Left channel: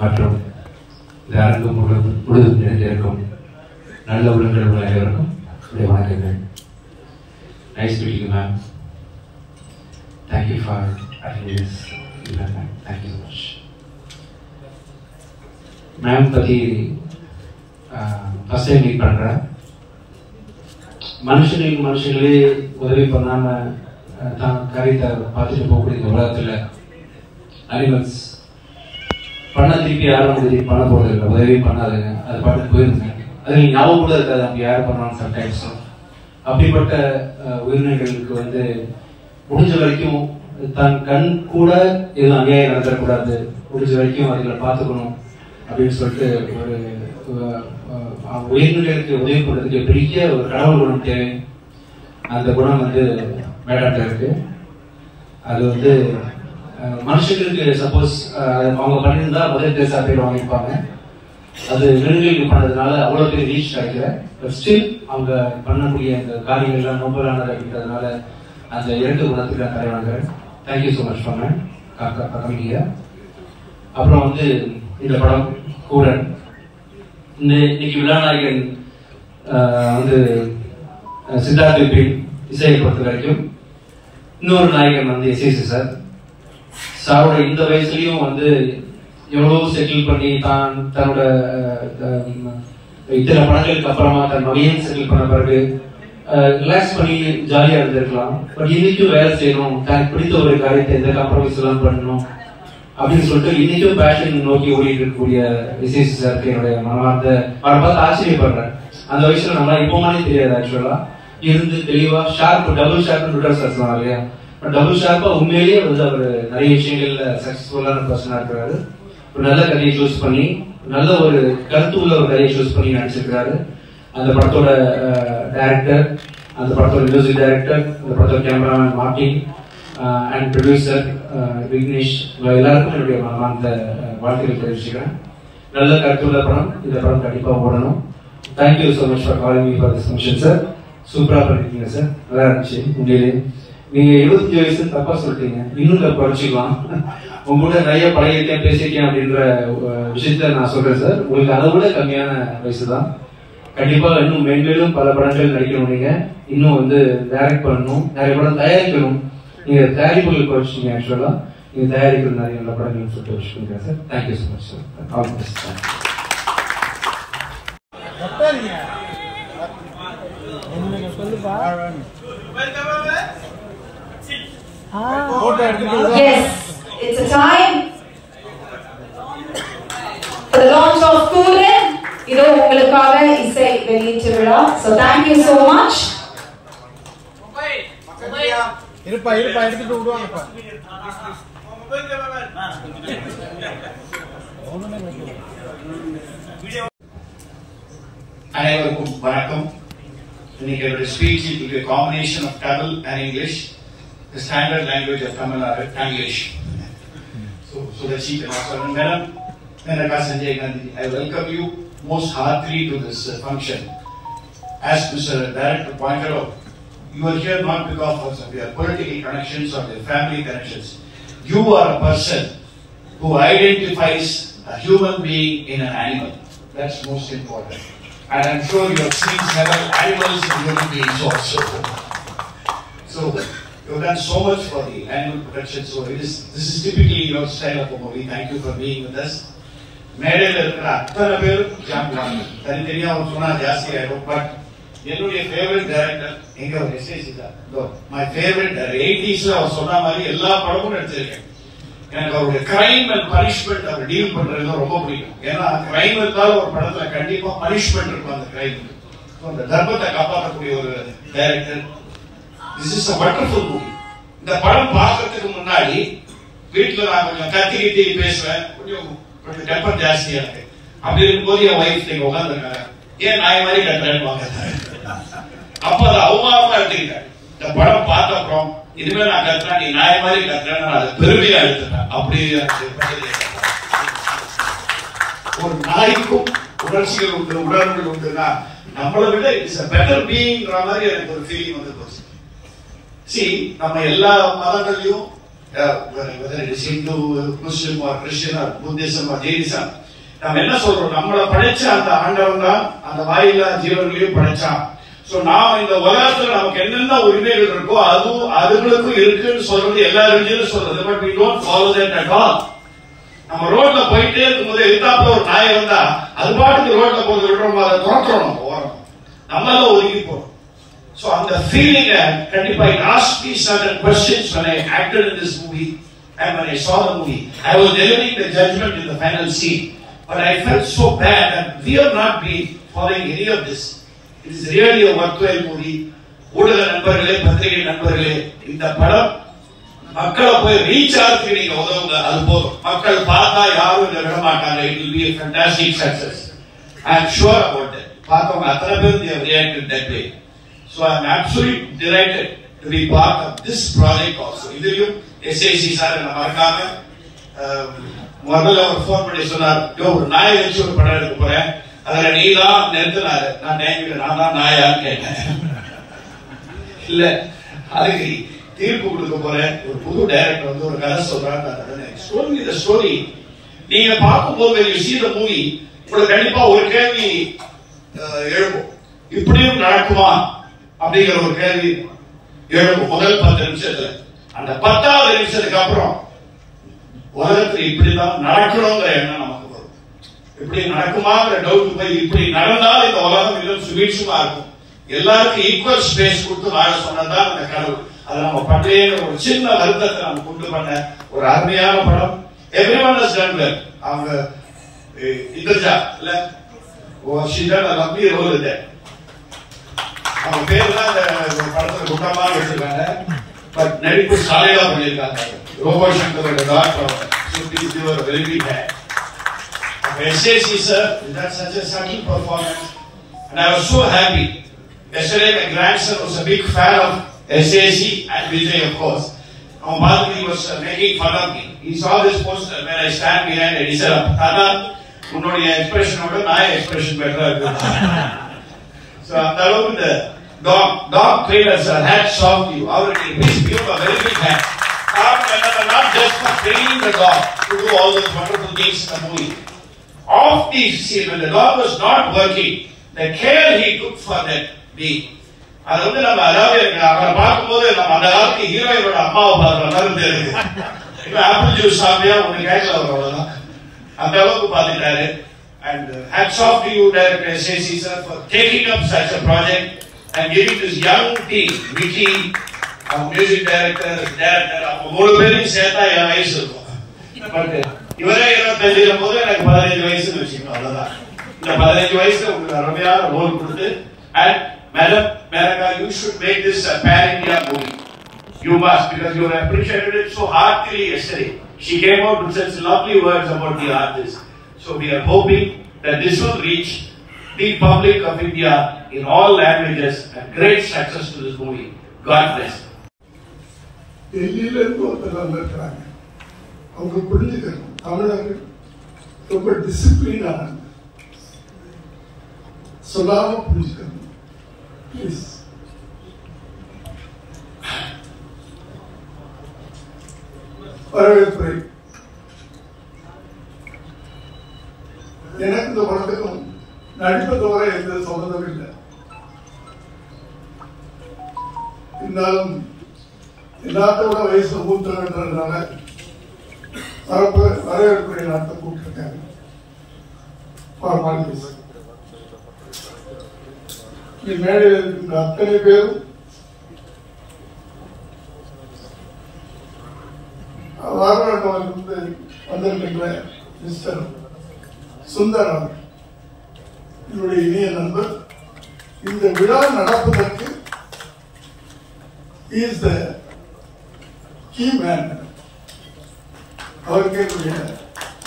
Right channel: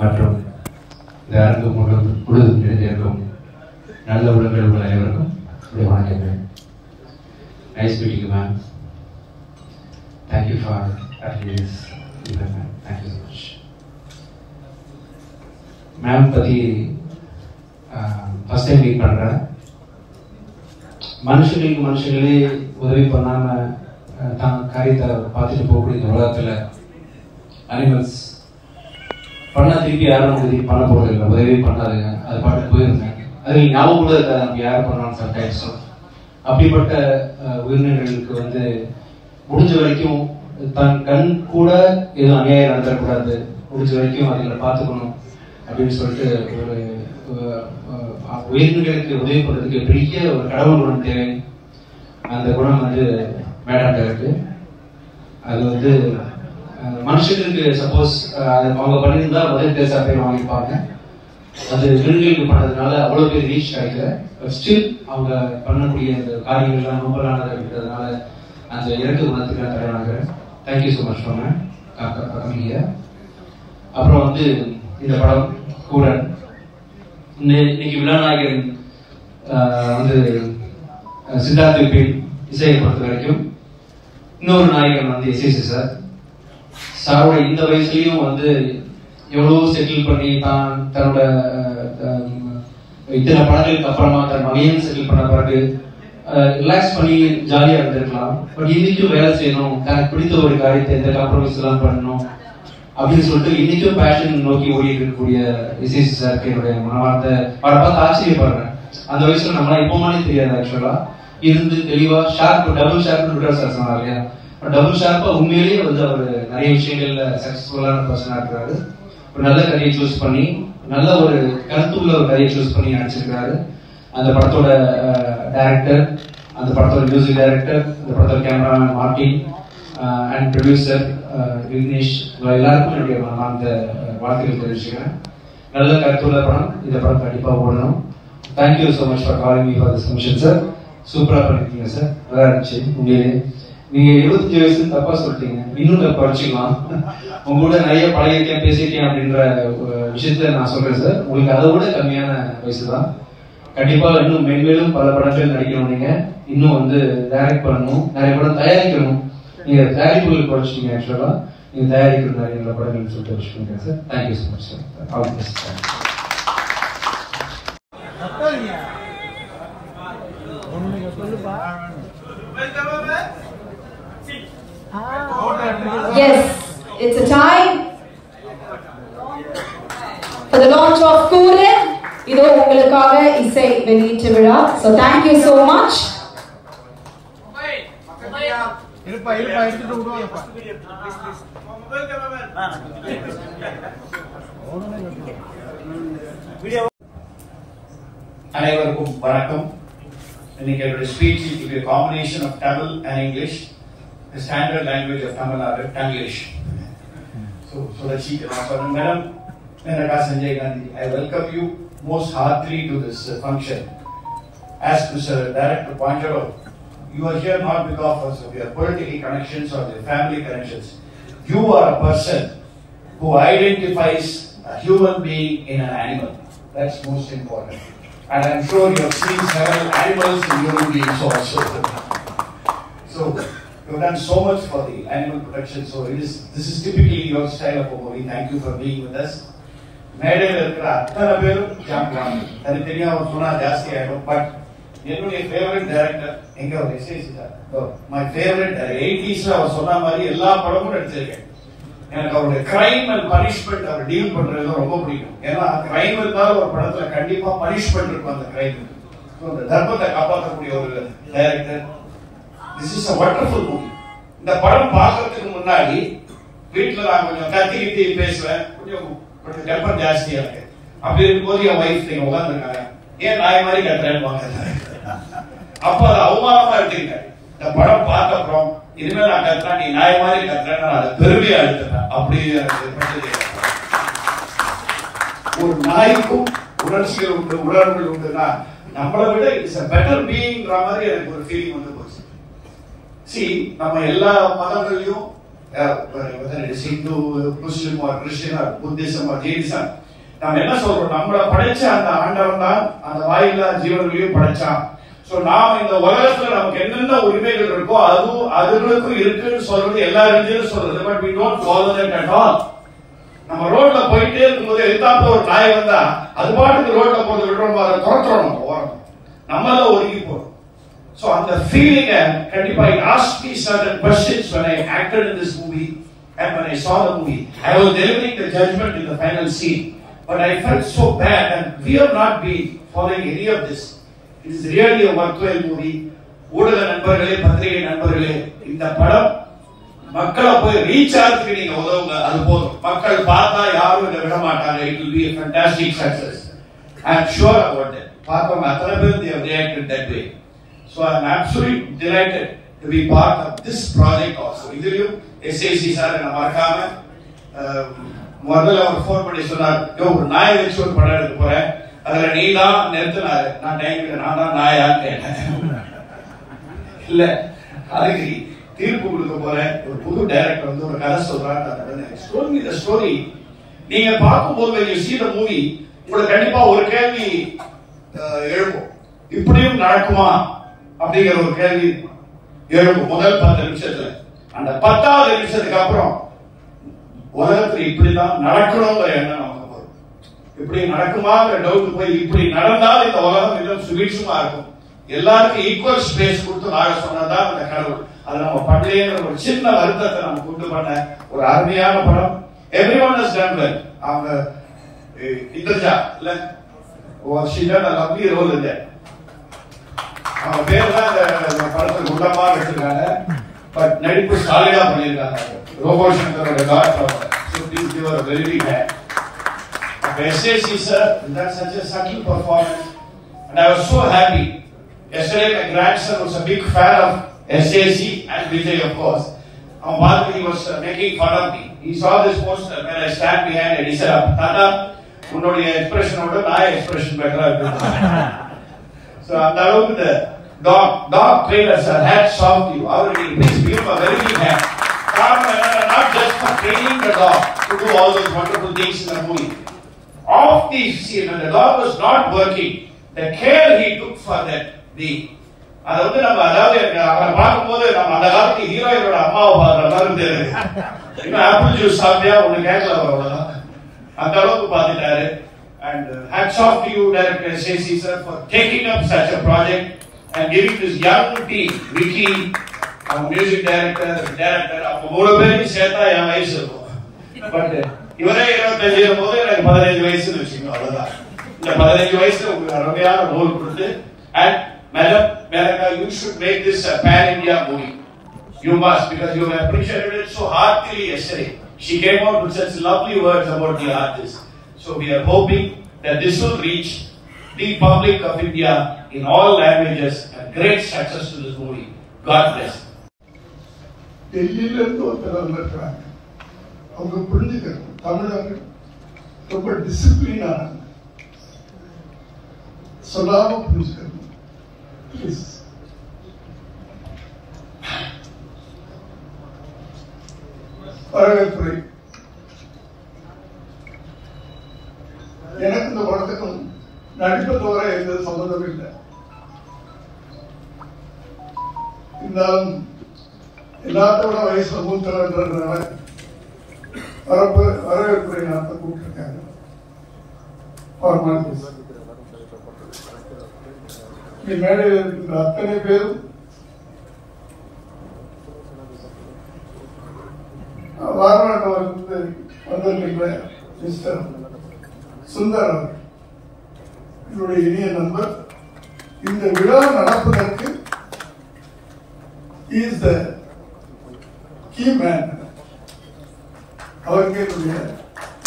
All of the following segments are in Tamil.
மற்றும் இந்த அரங்கு முழுவதும் நிறைந்திருக்கும் நல்ல உள்ளங்கள் உள்ள அனைவருக்கும் வணக்கங்கள். Nice meeting you ma'am. Thank you for attending this event. Thank you so much. Ma'am பற்றி ஃபஸ்ட் டைம் மீட் பண்ணுறேன். மனுஷங்களே உதவி பண்ணாமல் தான் காரியத்தை பார்த்துட்டு போகக்கூடிய இந்த உலகத்தில் அனிமல்ஸ் பண்ணால் திருப்பி யாரும் உதவி பண்ண போகிறது இல்லை, உதவி பண்ணாதுங்க, அது பாட்டு போயிருங்க. அதில் ஞாபகம் கூட இருக்காது நம்ம யார் பண்ணாலும் சம்டைம்ஸ். அப்படிப்பட்ட உயிரினங்களுக்கு முடிஞ்ச வரைக்கும் தன் கண் கூட எதுவும் அநியாயம் நடத்தக்கூடாது, முடிஞ்ச வரைக்கும் அதுகளை பார்த்துக்கணும் அப்படின்னு சொல்லிட்டு ஒரு உயிரினங்களுக்கு உதவி பண்ணுறதுக்கு பெரிய ஒரு கடவுள் குணம் தேவை. அந்த குணம் மேடம்கிட்ட இருக்கு. அது மனுஷங்களுக்கு சப்போஸ் அவங்க பண்ணியிருந்தா முதல் பேசா பேர் வாங்கியிருப்பாங்க. அது விலங்குகளுக்கு பண்ணதுனால அவ்வளோ பேர் ரீச் கிடைக்கல. ஸ்டில் அவங்க பண்ணக்கூடிய அந்த காரியங்கள்லாம் நோம்பலானதாக இருக்கிறதுனால அந்த இரண்டு குணத்துக்கு நான் தலைவனாகிறேன். தேங்க்யூ ஸோ மச் பண்ணேன் கம்மிங்க. அப்புறம் இந்த படம் கூடன் இன்னைக்கு விழாநாயகன் சித்தார்த் விபின் இசையை பொறுத்த வரைக்கும் இன்னொரு நாயகன் எஸ்ஏசி சார். சாரோட இந்த வயசுலயும் எவ்வளவு செட்டில் பண்ணி தான் தன்னோட இத்தனை படங்களுக்கு அப்புறமா தன் மகையும் செட்டில் பண்ண பிறகு ரிலாக்ஸ் பண்ணி ஜாலியா இருந்திருக்கலாம். பட் இன்னைக்கும் வேலை செய்யணும், தனக்கு பிடித்த ஒரு காரியத்தை எந்த காம்ப்ரமைஸ் எல்லாம் பண்ணணும் அப்படின்னு சொல்லிட்டு இன்னைக்கும் பேஷன் நோக்கி ஓடி இருக்கக்கூடிய எஸ்ஏசி சாருக்கு என்னுடைய மனமார்ந்த அவரை பார்த்து ஆச்சரியப்படுறேன். அந்த வயசுல நம்ம இப்போமானே தெரியாது. ஆக்சுவலா இருந்து தெளிவா ஷார்ப் டபுள் ஷார்ப்னு சார் சொன்னார் இல்லையா, டபுள் ஷார்ப்பா உண்மையிலேயே அவர் நிறைய விஷயங்கள்ல சக்சஸ்ஃபுல்லான பர்சனா இருக்கிறாரு. ஒரு நல்ல கதையை சூஸ் பண்ணி நல்ல ஒரு கருத்துள்ள ஒரு கதையை சூஸ் பண்ணி நடிச்சிருக்கிறாரு. அந்த படத்தோட டைரக்டர், அந்த படத்தோட மியூசிக் டைரக்டர், அந்த படத்தோட cameraman Martin and producer Vignesh, எல்லாருக்கும் என்னுடைய அந்த வாழ்த்துக்கள் தெரிவிச்சுக்கிறேன். நல்ல கருத்துள்ள படம். இந்த படம் கண்டிப்பா ஓடணும். Thank you so much for calling me for this function sir. சூப்பரா பண்ணிருக்கீங்க சார், நல்லா இருந்துச்சு. உண்மையிலே நீங்க 25 வயசு தப்பா சொல்லிட்டீங்க, இன்னும் தப்பா வச்சுக்கலாம். உங்க கூட நிறைய பழகிருக்கேன் பேசியிருக்கேன் அப்படின்ற விஷயத்த நான் சொல்றேன் சார். உங்களுக்கு அதை விட கம்மியான வயசு தான். கண்டிப்பா இன்னும் மேன்மேலும் பல படங்கள் நடிக்கணும். நீங்க இன்னும் டைரக்ட் பண்ணணும், நிறைய படம் தயாரிக்கணும். நீங்க தயாரிப்புகள் குறைச்சிட்டீங்க. ஆக்சுவலா நீங்க தயாரிக்கணும் நிறைய நல்ல படங்கள் சொல்லிட்டு வச்சுருக்கேன் sir. Thank you so much sir. All the best sir. Yes, it's a time for the launch of Kuran. இது உங்களுக்காக இசை வெளியீட்டு விழா. So thank you so much. இருப்பா எடுத்துட்டு விடுவாங்கப்பா. அனைவருக்கும் வணக்கம். இன்னைக்கு என்னோட speech will be a combination of Tamil and English. The standard language of Tamil Nadu, English. So that's it. Madam Menaka Sanjay Gandhi, I welcome you most heartily to this function. As Mr. Director pointed out, you are here not because of your political connections or your family connections. You are a person who identifies a human being in an animal. That's most important. And I'm sure you have seen several animals in human beings also. So you've done so much for the animal protection. So this is typically your style of movie. Thank you for being with us. மேடையில் இருக்கிற அத்தனை பேரும் ஜாம்புவாங்க. தனித்தனியா அவர் சொன்னா ஜாஸ்தி ஆயிடும். பட் என்னுடைய ஃபேவரட் டைரக்டர் எங்க ஒரு எஸ்ஏசி தான். மை ஃபேவரட் 80s அவர் சொன்ன மாதிரி எல்லா படமும் எடுத்திருக்கேன். எனக்கு அவருடைய கிரைம் அண்ட் பனிஷ்மெண்ட் அவர் டீல் பண்றது ரொம்ப பிடிக்கும். ஏன்னா கிரைம் இருந்தாலும் ஒரு படத்துல கண்டிப்பா பனிஷ்மெண்ட் இருக்கும். அந்த கிரைம் அந்த தர்மத்தை காப்பாற்றக்கூடிய ஒரு director. This is a wonderful movie. இந்த படம் பார்க்கறதுக்கு முன்னாடி வீட்டுல நான் கொஞ்சம் கத்திக்கிட்டு பேசுவேன், கொஞ்சம் டெம்பர் ஜாஸ்தியா இருக்கு. அப்படி இருக்கும்போது என் வைஃப் நீங்க உட்காந்துருக்காங்க, ஏன் நாய் மாதிரி கட்டுறேன்னு வாங்க. அப்ப அது அவமானமா எடுத்துக்கிட்டேன். இந்த படம் பார்த்த அப்புறம் இனிமே நான் கத்துறேன், நீ நாய் மாதிரி கத்துறேன், நான் அதை பெருமையா எடுத்துட்டேன். அப்படி ஒரு நாய்க்கும் உணர்ச்சிகள் உண்டு, உணர்வுகள் உண்டுன்னா நம்மளை விட இட்ஸ் a better beingன்ற மாதிரி எனக்கு ஒரு ஃபீலிங் போச்சு. நம்ம எல்லா மதங்களையும் whether it is Hindu, Muslim or Christian or Buddhism or Jainism, நம்ம என்ன சொல்றோம், நம்மளை படைச்ச அந்த ஆண்டவன் தான் அந்த வாயில்லா ஜீவன்களையும் படைச்சான். சோ நாம இந்த உலகத்துல நமக்கு என்னென்ன உரிமைகள் இருக்கோ அதுகளுக்கும் இருக்குன்னு சொல்றது எல்லா ரிலிஜியனும் சொல்றது. But we don't follow that at all. நம்ம ரோட்ல போயிட்டே இருக்கும்போது எதிர்த்தாப்புல ஒரு நாய் வந்தா அது பாட்டுக்கு ரோட்ல போறது விடுறோம், அதை துரத்துறோம், ஓரம் நம்மளால ஒதுங்கி போறோம். So அந்த ஃபீலிங் கண்டிப்பா it asked me certain questions when I acted in this movie and when I saw the movie. I was delivering the judgment in the final scene, but I felt so bad and we have not been following any of this. It is really a worthwhile movie. ஊடக நண்பர்களே, பத்திரிகை நண்பர்களே, இந்த படம் மக்களை போய் ரீச் ஆகிறதுக்கு நீங்க உதவுங்க, அது போதும். மக்கள் பார்த்தா யாரும் இதை விட மாட்டாங்க. It will be a fantastic success. I am sure about that. பார்த்தவங்க அத்தனை பேர் they have reacted that way. So I am absolutely delighted to be part of this project also. இதுலயும் SAC சார் என்ன மறக்காம முதல்ல ஒரு ஃபோன் பண்ணி சொன்னார், ஒரு நாயை வச்சு ஒரு படம் எடுக்க போறேன், அதுல நீ தான் நிறுத்தினாரு. நான் தான் நாயான்னு கேட்டேன். இல்ல அதுக்கு தீர்ப்பு கொடுக்க போறேன், ஒரு புது டைரக்டர் வந்து ஒரு கதை சொல்றாங்க. இந்த ஸ்டோரி நீங்க பார்க்கும்போது you see the movie, உங்களுக்கு கண்டிப்பா ஒரு கேள்வி எழுப்பும், இப்படியும் நடக்குமா அப்படிங்கிற ஒரு கேள்வி எழுப்பும் முதல் 10 நிமிஷத்துல. அந்த 10வது நிமிஷத்துக்கு அப்புறம் உலகத்துல இப்படிதான் நடக்கணுங்கிற எண்ணம் நமக்கு வரும். இப்படி நடக்குமாங்கிற டவுட் போய் இப்படி நடந்தால் இந்த உலகம் இன்னும் சுபீட்சமா இருக்கும், எல்லாருக்கும் ஈக்குவல் ஸ்பேஸ் கொடுத்து வாழ சொன்னதுதான் இந்த கடவுள். அது நம்ம பண்ணலைங்கிற ஒரு சின்ன வருத்தத்தை நம்ம கொண்டு பண்ண ஒரு அருமையான படம். Everyone has done well. அவங்க இந்திரஜா இல்ல she did a lovely role in that. அவங்க பேர்லாம் அந்த படத்துல குண்டமா எடுத்துருக்காங்க, பட் நடிப்பு சாலிடா பண்ணிருக்காங்க. ரோபோ சங்கரோட doctor please give her a very big hand. SAC sir, that's such a subtle performance and I was so happy. Yesterday my grandson was a big fan of SAC and Vijay of course. He was making fun of me. He saw this poster when I stand behind and he said, Tata, உன்னுடைய எக்ஸ்பிரஷனை விட நான் எக்ஸ்பிரஷன் பெட்டரா இருக்கு. So அந்த அளவுக்கு the dog trainers are hats off to you. Already please give a very big hand. Not just for training the dog to do all those wonderful things in the movie. Off the scene, when the dog was not working, the care he took for that being. அது வந்து நம்ம அதாவது அவரை பார்க்கும்போது நம்ம அந்த காலத்து ஹீரோயினோட அம்மாவை பார்க்குற மாதிரி தெரியுது. இன்னும் ஆப்பிள் ஜூஸ் சாப்பிட்டியா ஒண்ணு கேட்கல அவ்வளவுதான், அந்த அளவுக்கு பார்த்துட்டாரு. And hats off to you, Director SAC sir, for taking up such a project and giving this young team, Vicky, our music director, அவங்க 3 பேரையும் சேர்த்தா என் வயசு இருக்கும். பட் இவரே 25 போது எனக்கு 15 வயசுன்னு வச்சுக்கணும், அவ்வளவுதான். இந்த 15 வயசுல உங்களுக்கு அருமையான ரோல் கொடுத்து, and Madam Meraka, you should make this a pan-India movie. You must, because you have appreciated it so heartily yesterday. She came out with such lovely words about the artist. So we are hoping that this will reach the public of India in all languages and great success to this movie. God bless. டெல்லியில இருந்து ஒருத்தர் வந்திருக்கிறாங்க, அவங்க புரிஞ்சுக்கணும் தமிழர்கள் ரொம்ப டிசிப்ளினான சொல்லாம புரிஞ்சுக்கணும். ப்ளீஸ். வரவேற்புரை. எனக்கு இந்த படத்துக்கும் நடிப்பை தவிர எந்த சம்பந்தமும் இல்லை. இருந்தாலும் எல்லாத்தோட வயசுல மூத்தவன்றதுனால வரவேற்புரை நடத்த கூப்பிட்டிருக்காங்க. மேடையில் இருக்கின்ற அத்தனை பேரும் வாரணாசியிலிருந்து வந்திருக்கின்ற மிஸ்டர் சுந்தர் அவர் என்னுடைய இனிய நண்பர். இந்த விழா நடப்பதற்கு இஸ் த கீ மேன். அவருக்கு என்னுடைய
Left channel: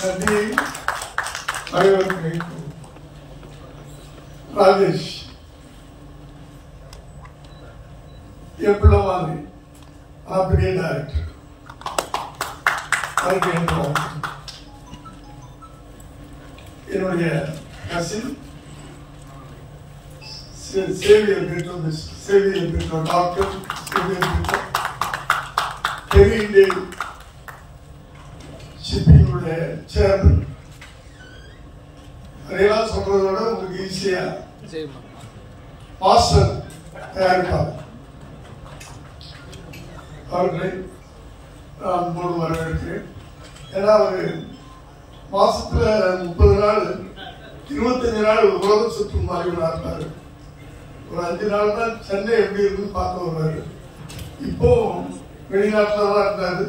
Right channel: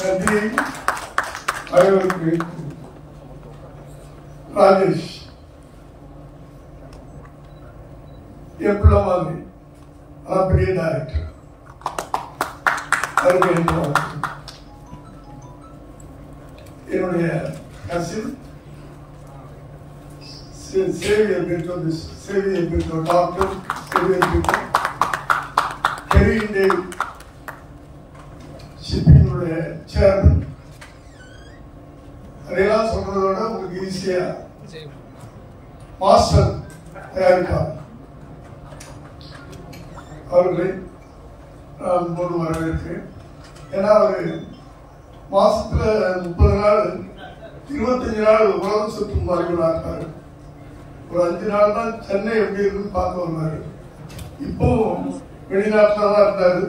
நன்றியை வரவேற்பு. ராஜேஷ் என் பிள்ளை மாதிரி பெரிய டைரக்டர், என்னுடைய கசின் சேவியர் டாக்டர் சேவியர் ஹெரி இந்தியன் சேர்மன். அதையெல்லாம் சொல்றதை விட உங்களுக்கு ஈஸியா மாஸ்டர் தயாரிப்பாளர் அவர்களை நான் போது வரவேற்கிறேன். ஏன்னா அவர் மாசத்துல 30 நாள் 25 நாள் உலகம் சுற்றும் வாய்ப்பு இருப்பாரு. ஒரு 5 நாள் தான் சென்னை எப்படி இருக்குன்னு பார்த்து வருவாரு. இப்போ வெளிநாட்டில் தான் இருந்தாரு.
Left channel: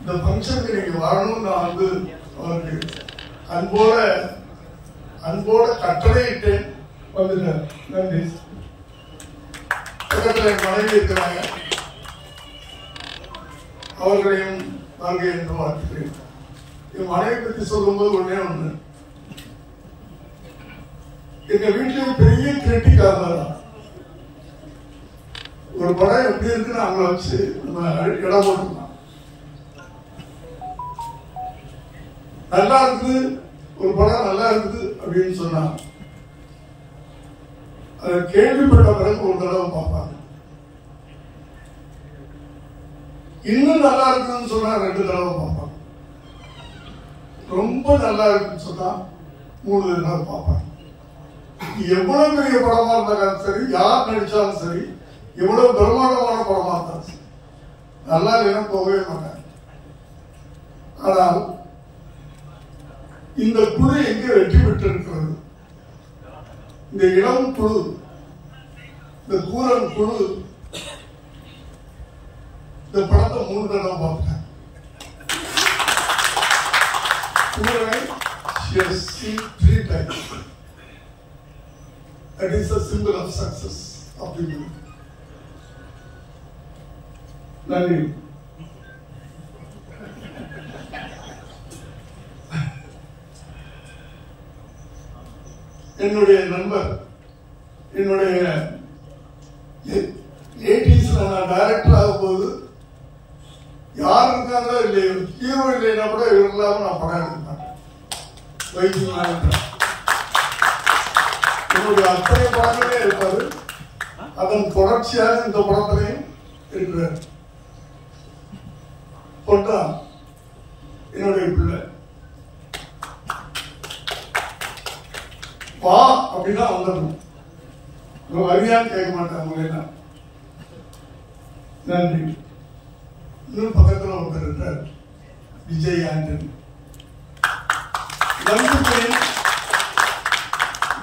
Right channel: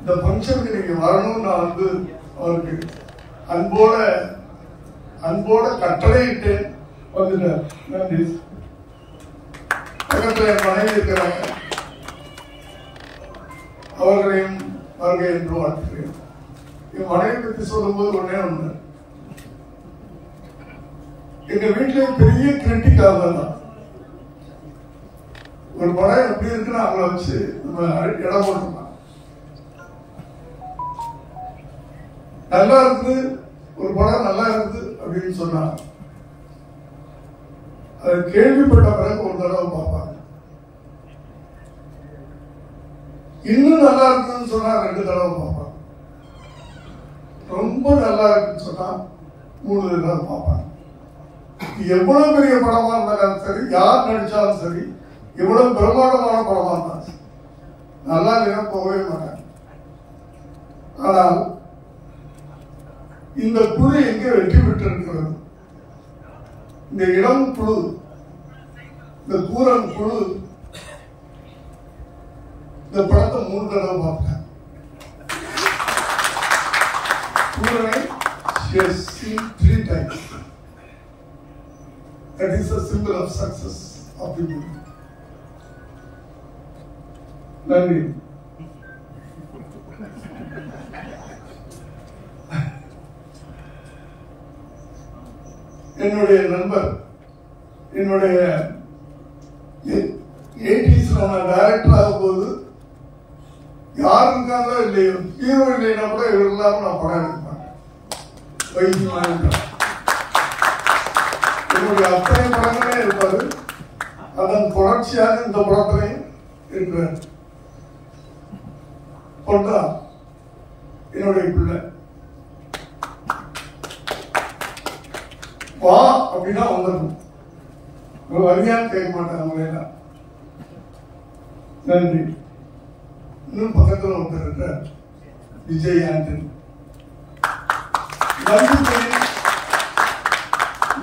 இந்த ஃபங்க்ஷனுக்கு நீங்க வரணும்னு நான் வந்து அவருக்கு அன்போட கட்டளையிட்டு வந்துட்டார். நன்றி. பக்கத்தில் என் மனைவி இருக்கிறாங்க, அவர்களையும் வருகை என்று வாழ்த்துக்கிறேன். என் மனைவி பற்றி சொல்லும்போது ஒண்ணு, எங்க வீட்டிலே பெரிய கிரிட்டிக்காக தான் ஒரு படம் எப்படி இருக்குன்னு அவங்கள வச்சு நம்ம இடம் போட்டோம்னா நல்லா இருக்குது, ஒரு படம் நல்லா இருக்குது அப்படின்னு சொன்னா அதை கேள்விப்பட்ட பிறகு ஒரு தடவை பார்ப்பாங்க. இன்னும் நல்லா இருக்குன்னு சொன்னா 2 தடவை பார்ப்பாங்க. ரொம்ப நல்லா இருக்குன்னு சொன்னா 3 தடவை பார்ப்பாங்க. எவ்வளவு பெரிய படமா இருந்தாலும் சரி, யார் நடிச்சாலும் சரி, எவ்வளவு பிரம்மாண்டமான படமா இருந்தாலும் சரி, நல்லா இல்லைன்னா போகவே மாட்டாங்க. ஆனால் இந்த குழு எங்க வெற்றி பெற்று இருக்கிறது? இந்த இளம் குழு, இந்த கூரன் குழு இந்த படத்தை 3 தடவை பார்த்தேன். கூரனை 3 times. That is the symbol of success of the movie. நன்றி. என்னுடைய நண்பர், என்னுடைய 80s நான் டைரக்டர் ஆகும் போது யார் இருக்காங்களோ இல்லையோ, ஹீரோ இல்லைன்னா கூட இவர் இல்லாம நான் படம் எடுக்க மாட்டேன். வைத்தியமான என்னுடைய அத்தனை படங்களே இருப்பாரு. அதன் தொடர்ச்சியாக இந்த படத்திலையும் இருக்கிறார். பொண்ணா என்னுடைய பிள்ளை வா அப்படின்னா வந்துடணும். வரியான்னு கேட்க மாட்டாங்க அவங்க எல்லாம். நன்றி. இன்னும் பக்கத்தில் ஒருத்தர் விஜய் ஆண்டனி.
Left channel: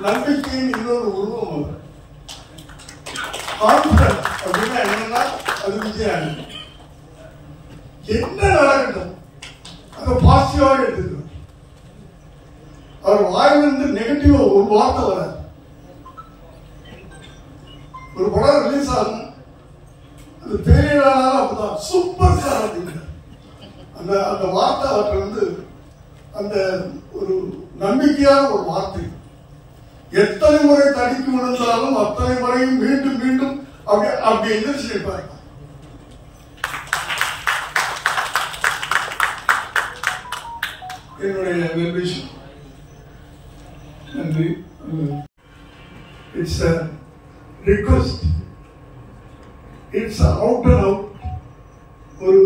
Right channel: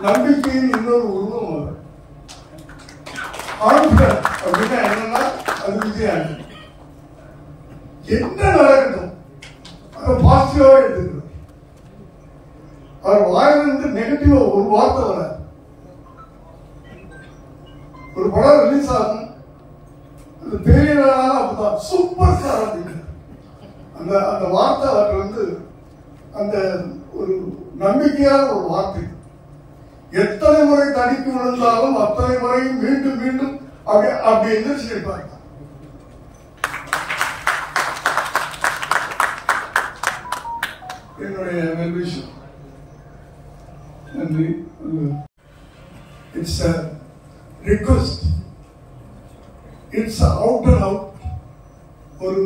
நம்பிக்கையின் இன்னொரு உருவம் அது. கான்பிடன்ஸ் அப்படின்னா என்னன்னா அது விஜய் ஆண்டனி. என்ன நடக்கட்டும் அதை பாசிட்டிவா எடுத்துக்கணும். அவர் வாயிலிருந்து நெகட்டிவா ஒரு வார்த்தை வர. ஒரு படம் ரிலீஸ் ஆகும், அந்த பெரிய அப்படிதான் சூப்பர் ஸ்டார் அப்படிங்கிற அந்த வார்த்தை அவர்கிட்ட வந்து அந்த ஒரு நம்பிக்கையான ஒரு வார்த்தை. எத்தனை முறை தடிக்கு விழுந்தாலும் அத்தனை முறையும் மீண்டும் மீண்டும் அப்படி எந்திரிச்சு இருப்பார். என்னுடைய நல்விஷயம். நன்றி. It's a request. It's out and out ஒரு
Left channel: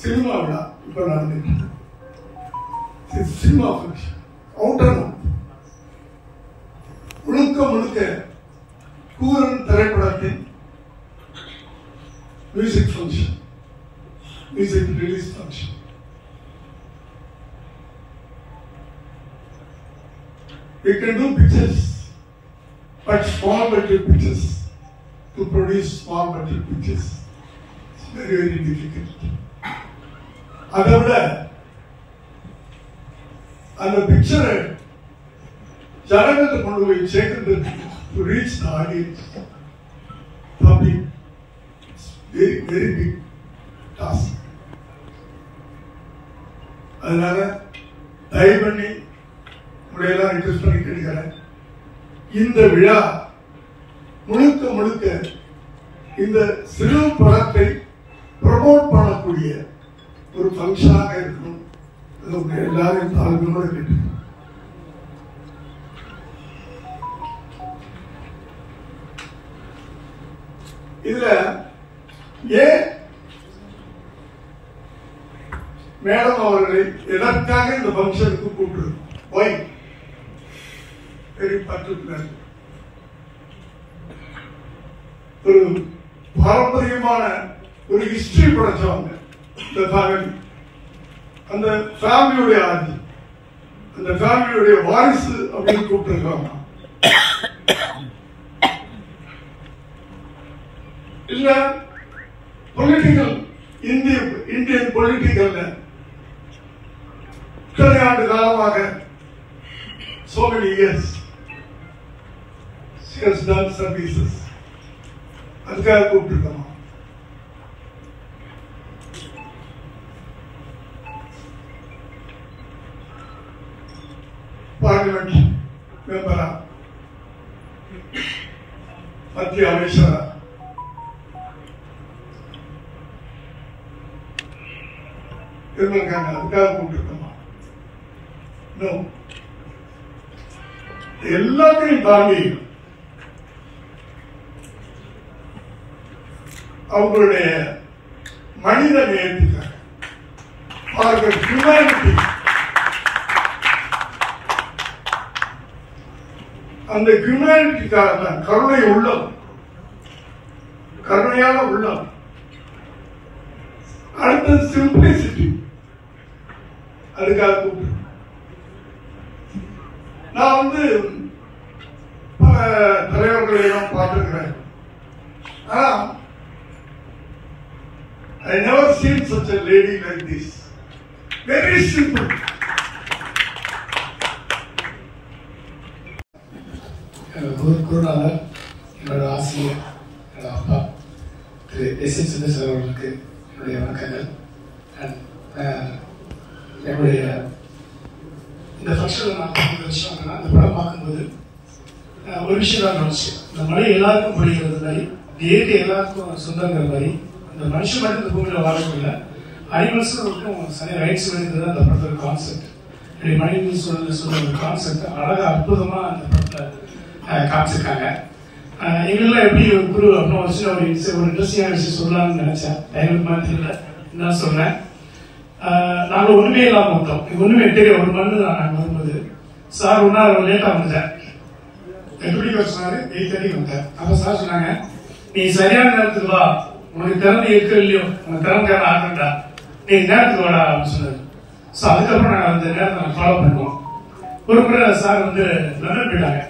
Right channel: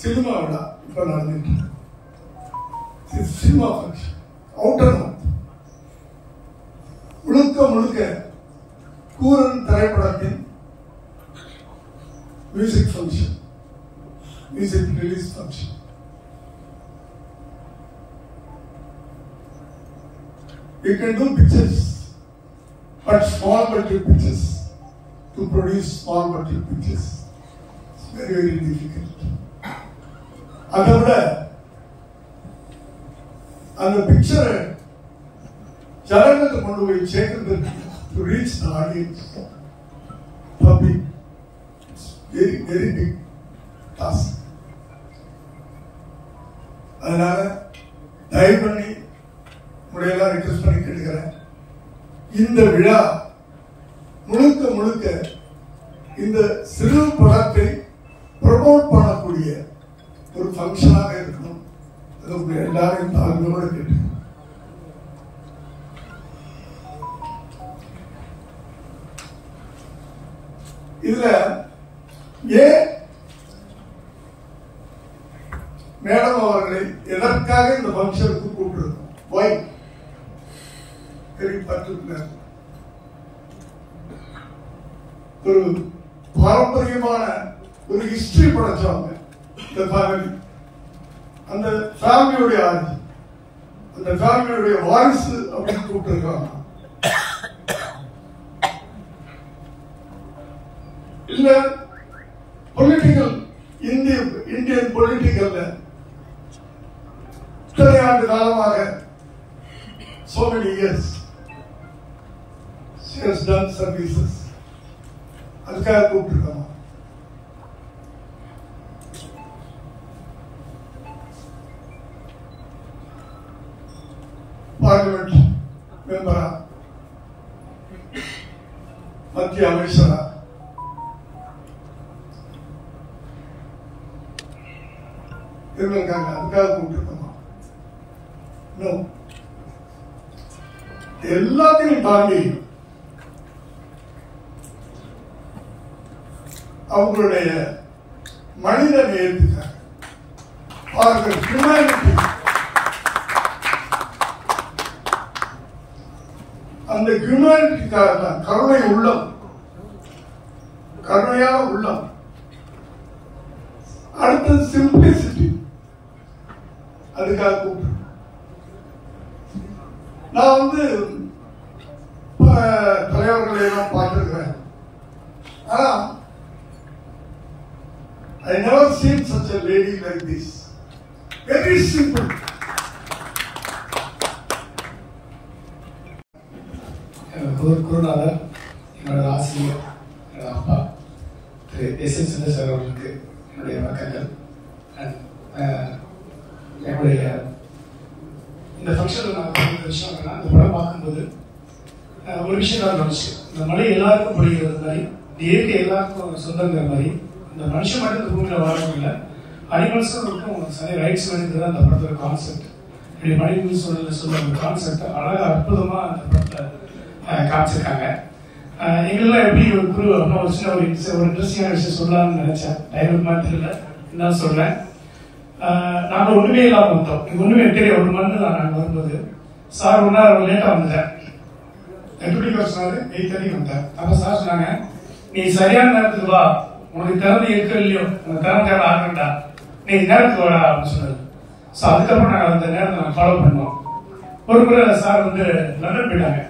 சினிமா விழா இப்ப நடந்துட்டு. Cinema function out and out முழுக்க கூரன் திரைப்படத்தின் music function, music release function. We can do pictures, but small budget pictures. To produce small budget pictures, it's very, very difficult. அதை விட அந்த பிக்சரை ஜனங்கள்ட்ட கொண்டு போய் சேர்க்கிறது, to reach the audience, public, it's very, very big task. அதனால தயவு பண்ணி முறையெல்லாம் ரிக்வெஸ்ட் பண்ணி கேட்கிறேன். இந்த விழா முழுக்க இந்த சிறு படத்தை ப்ரமோட் பண்ணக்கூடிய ஒரு ஃபங்க்ஷனாக இருக்கணும். எல்லாரும் தாழ்மையோட கேட்டு இதுல ஏன் மேடம் அவர்களை எதற்காக இந்த ஃபங்க்ஷனுக்கு கூப்பிட்டுருக்கோம்? Y very particular. ஒரு பாரம்பரியமான ஒரு ஹிஸ்டரி படைச்சவங்க இந்த ஃபேமிலி. அந்த ஃபேமிலியுடைய ஆட்சி, அந்த ஃபேமிலியுடைய வாரிசு அப்படின்னு கூப்பிட்டுருக்காங்க. இல்ல பொலிட்டிக்கல் இந்தியன் பொலிட்டிக்கல்ல இத்தனை ஆண்டு காலமாக so many years she has done services. அதுக்காக கூப்பிட்டுருக்கோம். பார்லிமெண்ட் மெம்பரா, மத்திய அமைச்சரா, இருக்காங்க. அதுக்காக கூப்பிட்டுருக்கோம். எல்லாத்தையும் தாண்டி அவங்களுடைய மனித நேயத்துக்காக, ஹியூமனிட்டி, அந்த ஹியூமனிட்டிக்காக தான், கருணை உள்ளம், கருணையான உள்ளம். அடுத்த சிம்பிளிசிட்டி, அதுக்காக கூப்பிட்டு நான் தலைவர்களையும் பார்த்திருக்கிறேன். ஆனா I never seen such a lady like this. Very simple. குருநாதர், என்னோட ஆசிரியர், என்னோட அப்பா திரு எஸ்.என். சுந்தர் அவர்களுக்கு என்னுடைய வணக்கங்கள். என்னுடைய இந்த ஃபங்க்ஷனில் நான் விஷயம் என்னன்னா, இந்த படம் பார்க்கும்போது ஒரு விஷயம் தான் கவனிச்சு, இந்த மழை எல்லாருக்கும் பொழிகிறது மாதிரி, இந்த இயற்கை எல்லாருக்கும் சொந்தங்கிற மாதிரி, இந்த மனுஷன் மட்டும் இந்த பூமியில் வாழவில்லை, அனிமல்ஸும் சரி ரைட்ஸ் வேண்டியது தான் இந்த படத்தோட கான்செப்ட். இப்படி மனிதன் சொல்ல ஒரு கான்செப்ட் அழகாக அற்புதமாக அந்த படத்தை காமிச்சிருக்காங்க. எங்கெல்லாம் எப்படி ஒரு குரு அப்படின்னா ஒரு இன்ட்ரெஸ்டிங்கான விஷயம் சொல்லலாம்னு நினைச்சேன். டைமுக்கு தெரியல, என்ன சொல்றேன். நாங்கள் ஒண்ணுமே இல்லாம வந்தோம். இது ஒண்ணுமே தெரியும். ஒரு மணி நாங்கள் வரும்போது சார் ஒன்னா லேட்டா வந்துட்டேன். 8:30 சொன்னாரு, 8:30 வந்தேன். அப்ப சார் சொன்னாங்க, நீ சரியான நேரத்துக்கு வா, உனக்கு திறமை இருக்கு இல்லையோ, உனக்கு திறமை ஆகண்டா, நீ நேரத்துக்கு வாடா அப்படின்னு சொன்னாரு. ஸோ அதுக்கப்புறம் நாங்கள் அந்த நேரத்தை நாங்கள் ஃபாலோ பண்ணுவோம். ஒரு முறை சார் லண்டன் போயிட்டாங்க.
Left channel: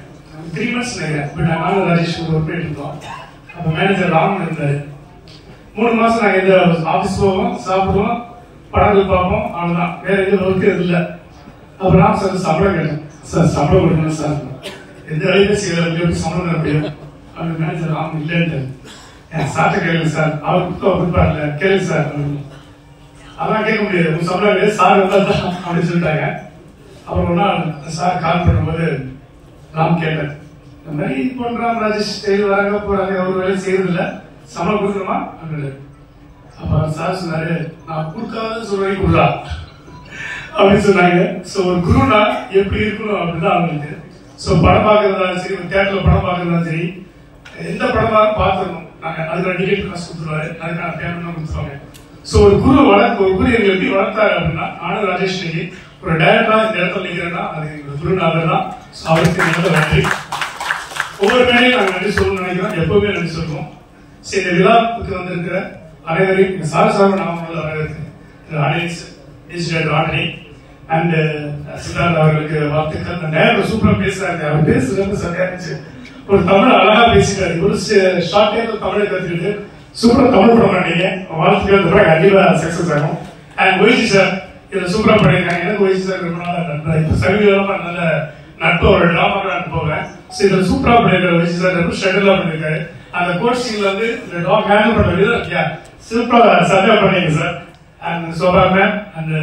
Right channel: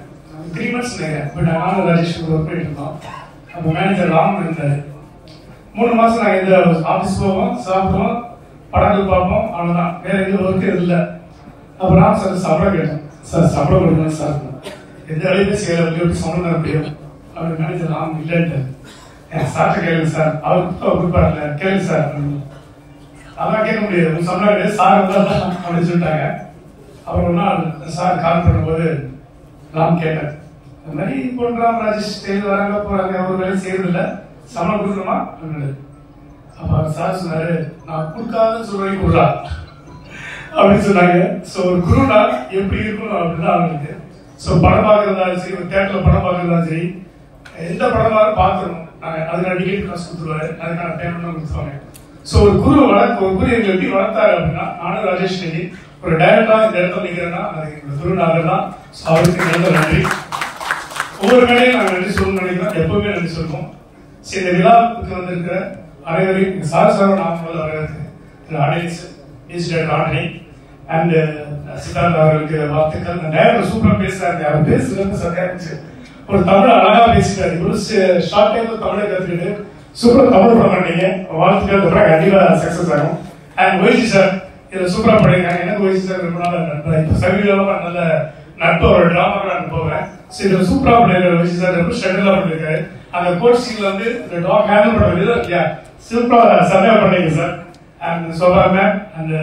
3 months நினைக்கிறேன் போயிட்டாங்க. நானும் ராஜேஷ் ஒரு ஒர்க் பண்ணிட்டு இருந்தோம். அப்போ மேனேஜர் ராமன் இருந்தாரு. 3 மாசம் நாங்கள் இந்த ஆஃபீஸ் போவோம், சாப்பிடுவோம், படங்கள் பார்ப்போம், அவ்வளவுதான். வேற எதுவும் ஒர்க்கு இல்லை. அப்புறம் சார் சம்பளம் கேட்டோம். சார் சம்பளம் கொடுங்க சார், எந்த வேலையுமே செய்யல, எப்படி சம்பளம் தர முடியும் அப்படின்னு. மேனேஜர் ராமன் இல்லைன்ட்டு சார்ட்ட கேளுங்க சார், அவர் கொடுப்பாருல கேளுங்க சார். அதெல்லாம் கேட்க முடியாது, உங்க சம்பளம் சார் வந்தா அப்படின்னு சொல்லிட்டாங்க. அப்புறம் ஒரு நாள் சார் கால் பண்ணும்போது நான் கேட்டேன், இந்த மாதிரி போன்றாம் ராஜேஷ் டெய்லி வராங்க போறாங்க, ஒரு வேலை செய்யறதில்ல, சம்பளம் கொடுக்கணுமா அப்படின்னு. அப்ப சார் சொன்னாரு, நான் கொடுக்காத சொல்றேன் கொடுறா அப்படின்னு சொன்னாங்க. சோ ஒரு குருனா எப்படி இருக்கணும் அப்படின்னு அவங்களுக்கு. சோ படம் பார்க்கறதாலும் சரி, ஒரு தியேட்டர்ல படம் பார்க்கறதாலும் சரி, எந்த படமாலும் பார்த்துருக்கோம். நாங்க அதுக்கான டிக்கெட் காசு கொடுத்துருவாரு, அதுக்கான பேமெண்ட் கொடுத்துருவாங்க. சோ ஒரு குரு ஒரு குரு எங்களை எப்படி வளர்த்தாரு அப்படின்னா, நானும் ராஜேஷ் நெல்லி ஒரு டைரக்டரா இந்த இடத்துல நிக்கிறேன்னா அது எங்க குருநாதர் தான். அவருக்கு ரொம்ப நன்றி. ஒவ்வொரு மேடையும் நாங்கள் நன்றி சொல்லணும்னு நினைக்கிறோம், எப்பவுமே நன்றி சொல்லுவோம். சரி, இந்த விழாவுக்கு வந்திருக்கிற அனைவரையும் சாரசார நாம வரவேற்கிறேன். ஆடியன்ஸ் ஆட்ரி அண்ட் சித்தார்த் அவர்களுக்கு வாழ்த்துக்கள். நேரம் சூப்பரா பேசுறாரு, அவர் பேசுறது ரொம்ப சரியா இருந்துச்சு. ஒரு தமிழ் அழகா பேசிட்டாரு. ஒரு ஷார்ட் டைம்ல தமிழை கத்துக்கிட்டு சூப்பரா தமிழ் படம் பண்ணீங்க. வாழ்த்துக்கள், கண்டிப்பா சக்சஸ் ஆகும். அண்ட் ஒய்சி சார் இதை சூப்பரா பண்ணிருக்காங்க. எனக்கு ஒய்சி சார் ரொம்ப நாள் இப்ப சமீபமா நல்ல நட்பு, ஒரு டிராமா நான் போவேன். இதுல சூப்பரா பண்ணிருக்காரு ஒய்சி சார், ரொம்ப ஷெட்யூலா பண்ணிருக்காரு. அந்த கோட் சீன்ல இந்த டாக் ஹேண்டில் பண்ண விதம் இல்லையா, சூப்பரா சரியா பண்ணீங்க sir. And Shobha ma'am and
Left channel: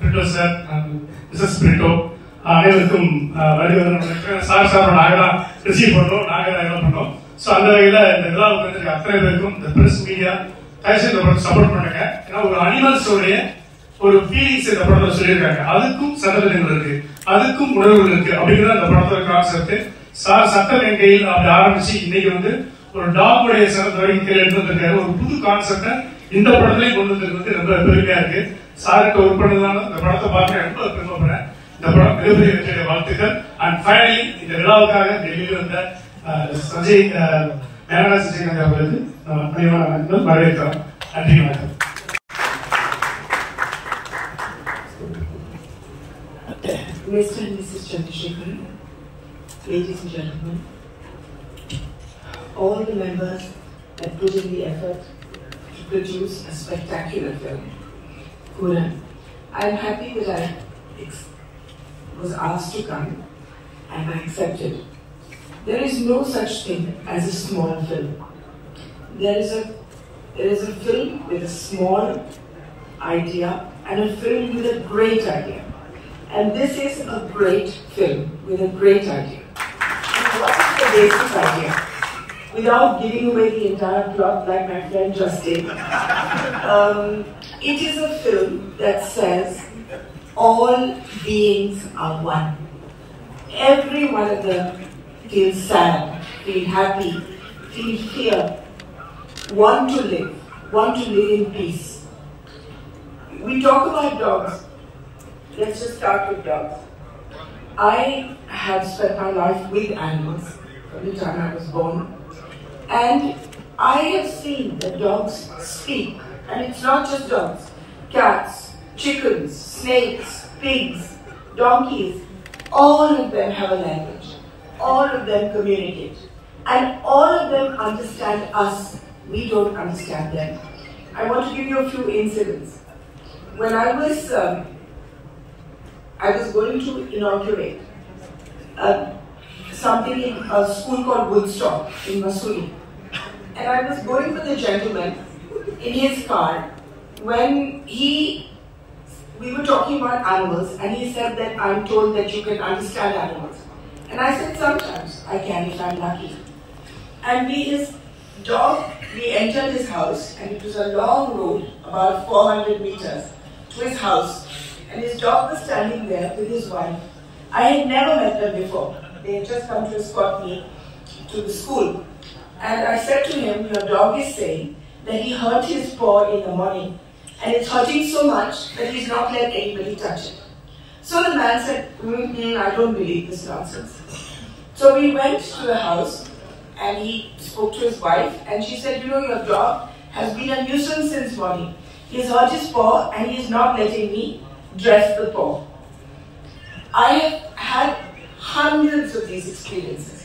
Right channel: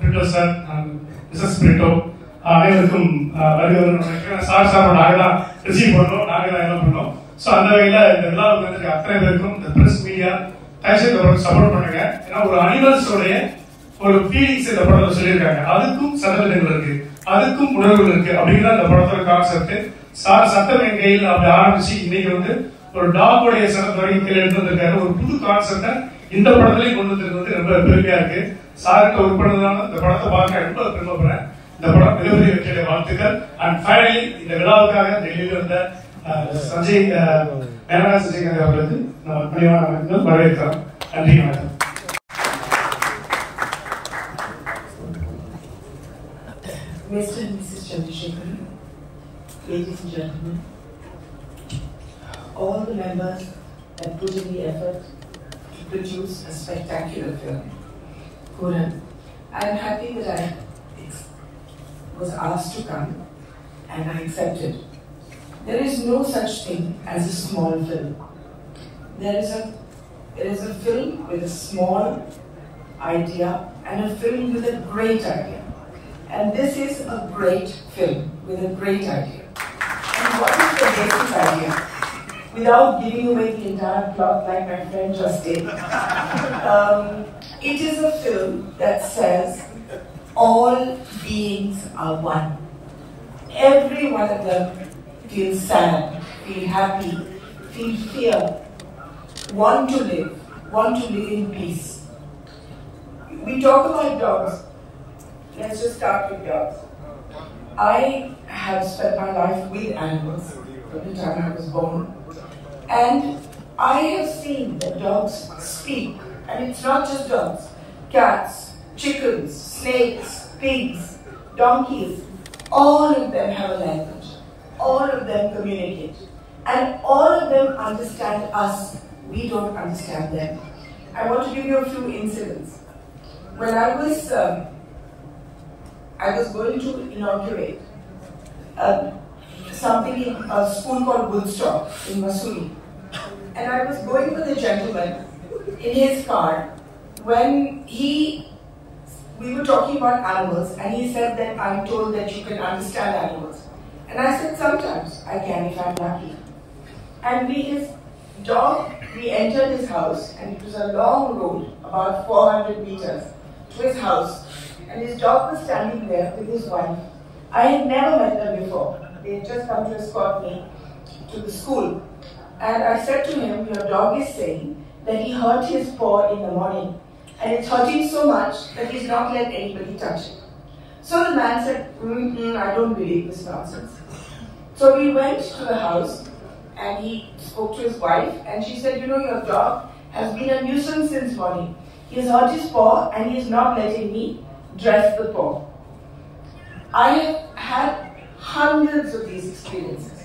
Brito sir and Mrs Brito அனைவருக்கும் சார் சாரோட நாங்கதான் ரிசீவ் பண்ணோம், நாங்க தான் என்ன பண்ணோம். சோ அந்த வகையில இந்த விழாவுக்கு வந்து அத்தனை பேருக்கும் இந்த பிரஸ் மீடியா தயவுசெய்து சப்போர்ட் பண்ணுங்க. ஏன்னா ஒரு அனிமல்ஸோடைய ஒரு ஃபீலிங்ஸ் இந்த படத்துல சொல்லியிருக்காங்க. அதுக்கும் சட்டத்திட்டங்கள் இருக்கு, அதுக்கும் உணர்வுகள் இருக்கு. அப்படிங்கிறத இந்த படத்தோட கான்செப்ட். சார் சட்டம் என் கையில் அப்படி ஆரம்பிச்சு இன்னைக்கு ஒரு டாகுடைய சட்டத்தை வரைக்கும் கீழே எடுத்து வந்திருக்காரு. ஒரு புது கான்செப்ட இந்த படத்திலையும் கொண்டு வந்திருக்கிறது ரொம்ப பெருமையா இருக்கு. சார்கிட்ட ஒர்க் பண்ணதுனால இந்த படத்தை பார்க்க ரொம்ப பெருமைப்படுறேன். இந்த படம் மிகப்பெரிய வெற்றியுடைய வாழ்த்துக்கள். அண்ட் ஃபைனலி இந்த விழாவுக்காக டெல்லியில் இருந்த சஞ்சய் மேனகா சஞ்சய் நகர் அவர்களுக்கு நம்ம பணிவான வரவேற்கிறோம். நன்றி, வணக்கம். Mr. and Mrs. Chandrasekhar, ladies and gentlemen, all the members that put in the effort to produce a spectacular film. Puran, I am happy that I was asked to come and I accepted. There is no such thing as a small film. There is a film with a small idea and a film with a great idea. And this is a great film with a great idea. And what is the basic idea? Without giving away the entire plot like my friend just did, it is a film that says all beings are one. Every one of them feels sad, feel happy, feel fear, want to live in peace. We talk about dogs. Let's just start with dogs. I have spent my life with animals from the time I was born. And I have seen that dogs speak. And it's not just dogs. Cats, chickens, snakes, pigs, donkeys. All of them have a language. All of them communicate. And all of them understand us. We don't understand them. I want to give you a few incidents. When I was going to inaugurate something in a school called Woodstock in Missouri. And I was going for the gentleman in his car when we were talking about animals and he said that I'm told that you can understand animals. And I said sometimes I can if I'm lucky. And we entered his house and it was a long road, about 400 meters to his house. And his dog was standing there with his wife. I had never met them before. They had just come to escort me to the school. And I said to him, your dog is saying that he hurt his paw in the morning. And it's hurting so much that he's not let anybody touch it. So the man said, I don't believe this nonsense. So we went to the house and he spoke to his wife. And she said, your dog has been a nuisance since morning. He has hurt his paw and he is not letting me dress the paw. I have had hundreds of these experiences.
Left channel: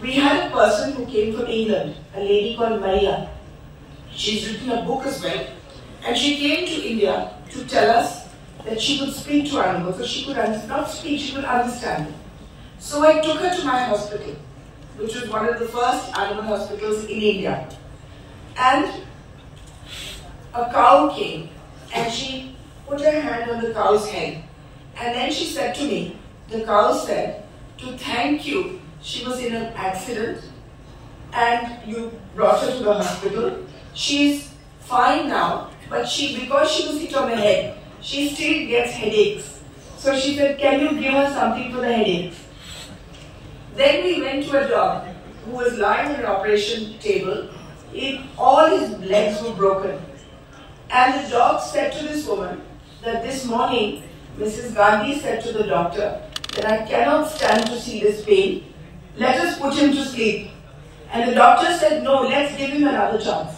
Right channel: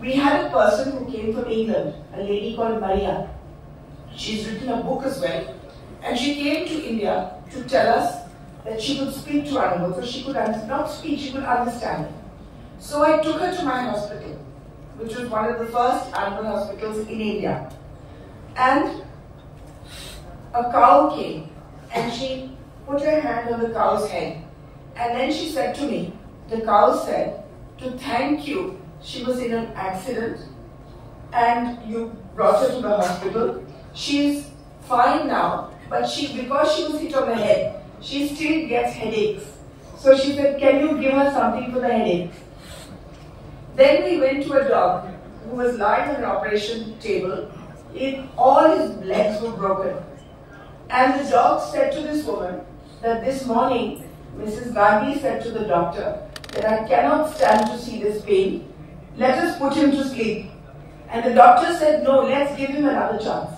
We had a person who came from England, a lady called Maria. She's written a book as well. And she came to India to tell us that she could speak to animals, or she could not speak, she could understand them. So I took her to my hospital, which was one of the first animal hospitals in India. And a cow came and she put her hand on the cow's head. And then she said to me, the cow said, to thank you, she was in an accident and you brought her to the hospital. She's fine now, but because she was hit on the head, she still gets headaches. So she said, can you give her something for the headaches? Then we went to a dog who was lying on an operation table. All his legs were broken. And the dog said to this woman that this morning, Mrs. Gandhi said to the doctor that I cannot stand to see this pain. Let us put him to sleep. And the doctor said, no, let's give him another chance.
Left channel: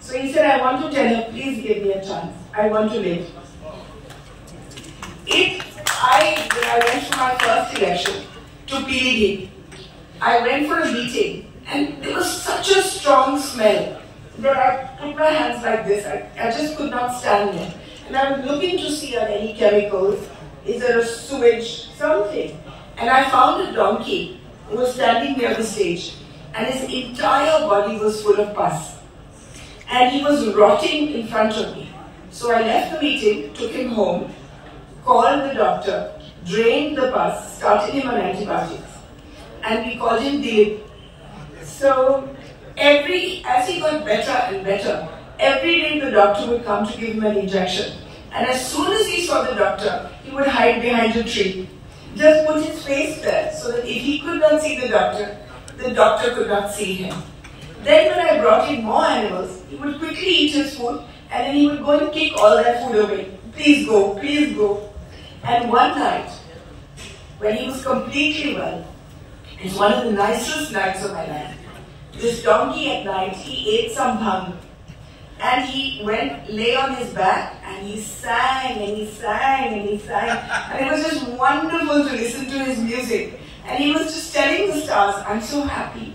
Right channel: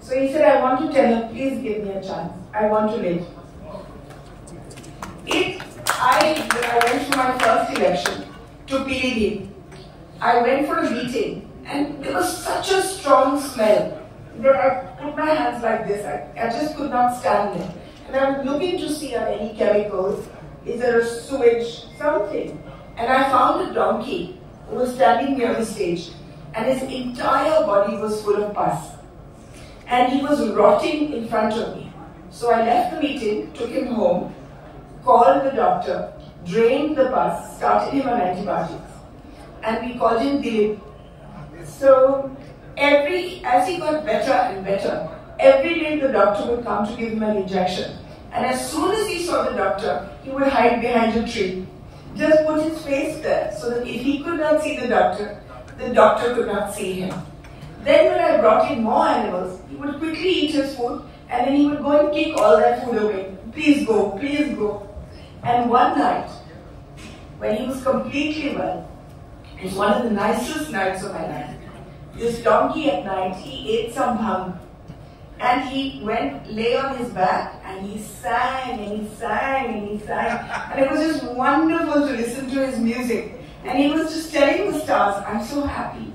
So he said, I want to tell him, please give me a chance. I want to live. When I went for my first election to Pilibhit, I went for a meeting and there was such a strong smell that I put my hands like this. I just could not stand there. And I was looking to see are any chemicals, is there a sewage, something. And I found a donkey who was standing near the stage and his entire body was full of pus. And he was rotting in front of me. So I left the meeting, took him home, called the doctor, drained the pus, started him on antibiotics. And we called him Dilip. So as he got better and better, every day the doctor would come to give him an injection. And as soon as he saw the doctor, he would hide behind a tree. Just put his face there so that if he could not see the doctor could not see him. Then when I brought in more animals, he would quickly eat his food and then he would go and kick all their food away. please go, please go. And one night, when he was completely well, it was one of the nicest nights of my life. This donkey at night, he ate some bhang. And he lay on his back, and he sang, and he sang, and he sang. And it was just wonderful to listen to his music. And he was just telling the stars, I'm so happy.